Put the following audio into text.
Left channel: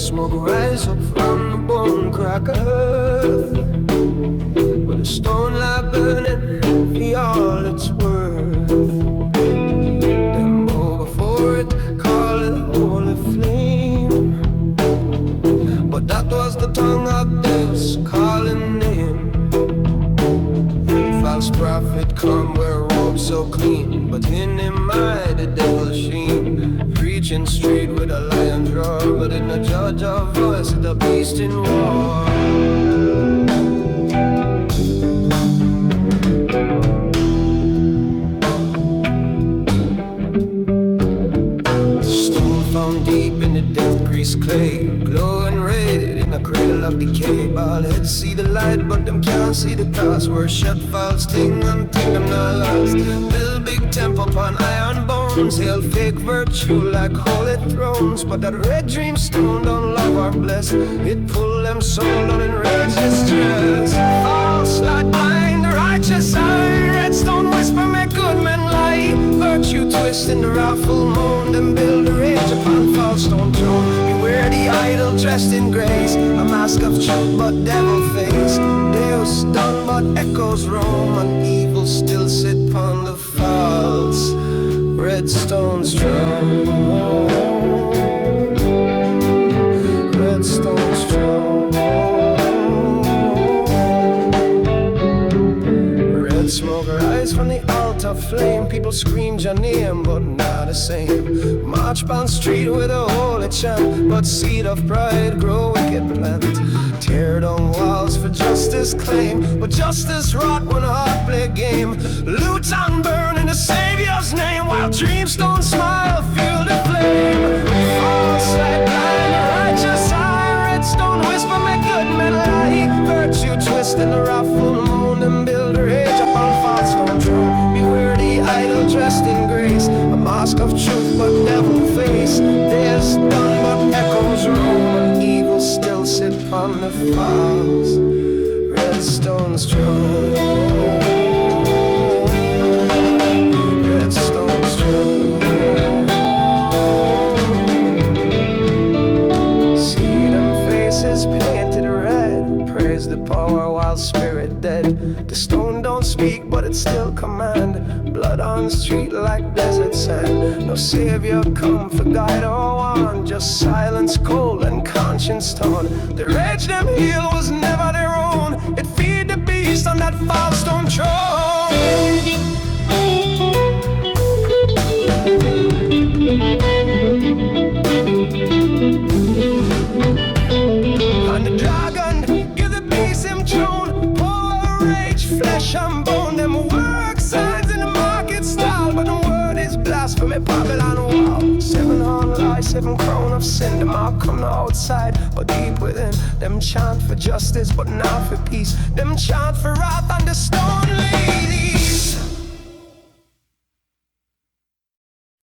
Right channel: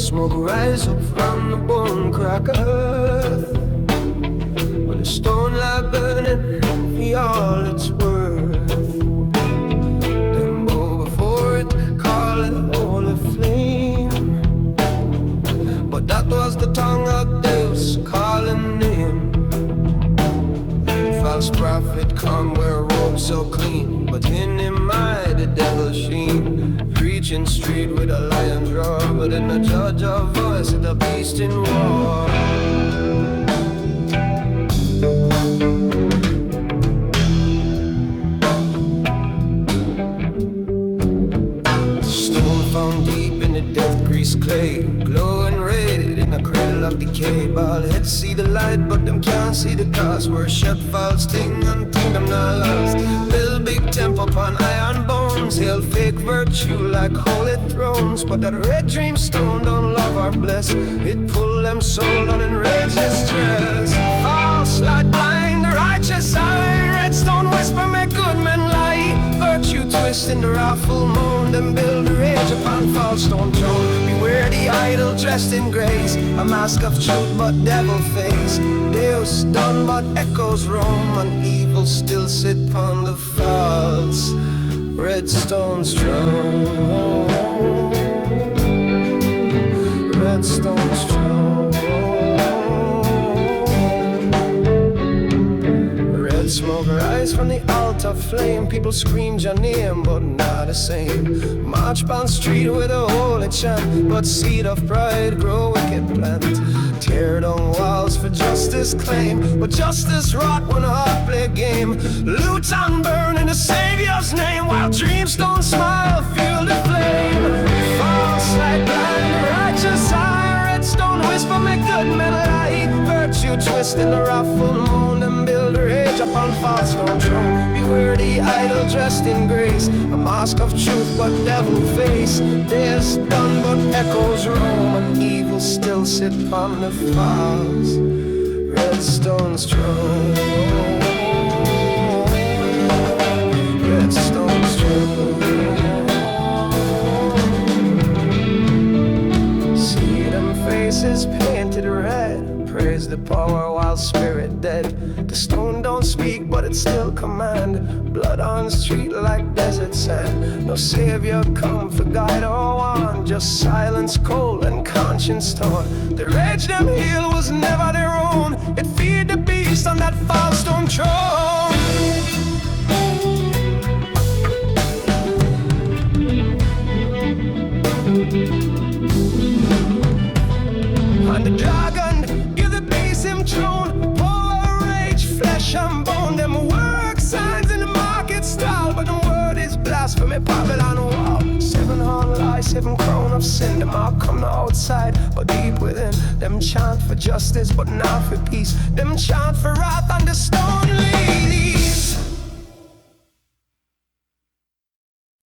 Smoke rise up from the bone crack of earth, with a stone lie burning for all it's worth. Then bow before it, call it holy flame, but that was the tongue of Deus calling him. False prophet come wear robes so clean, but in him eye the devil sheen. Preaching street with a lion's roar, but in the judge of voice of the beast in war. Stone found deep in the death grease clay, glowing red in a cradle of decay. Bald heads see the light, but them can't see the cost. Where shut false thing and think them not lost. Build big temple upon iron bones, hail fake virtue like holy thrones. But that red dream stone don't love or bless, it pull them soul on enraged distress. False light blind the righteous eye, red stone whisper make good men lie. Virtue twist in the wrathful moan, them build a rage upon false stone throne. Beware the idol dressed in grace, a mask of truth but devil face. Deus done but echoes roam, and evil still sit upon the false red stone's throne. Red stone's throne. Red smoke rise from the altar flame. People scream your name, but not the same. March down street with a holy chant, but seed of pride grow wicked plant. Tear down walls for justice claim, but justice rot when heart play game. Loot and burn in the Savior's name, while dreams don't smile, fuel the flame. False light blind the righteous eye, red stone whisper make good men lie. Virtue twist in the wrathful moon, and build a rage upon false stone throne. Beware the idol dressed in grace, a mask of truth but devil face. There's done but echoes roam, and evil still sit upon the false red stone's throne. Red stone's throne. See them faces painted red, praise the power while spirit dead. The stone don't speak, but it still command. Blood on the street like desert sand. No savior come for guide or warn, just silence cold and conscience torn. The rage them heal was never their own, it feed the beast on that false stone throne. And the dragon give the beast him throne. Power, rage, flesh and bone. Them work signs in the market stall, but the word is blasphemy, Babylon wall. 7 horn lie, 7 crown of sin. Them all come to outside, but deep within. Them chant for justice, but not for peace. Them chant for wrath and the stone lead.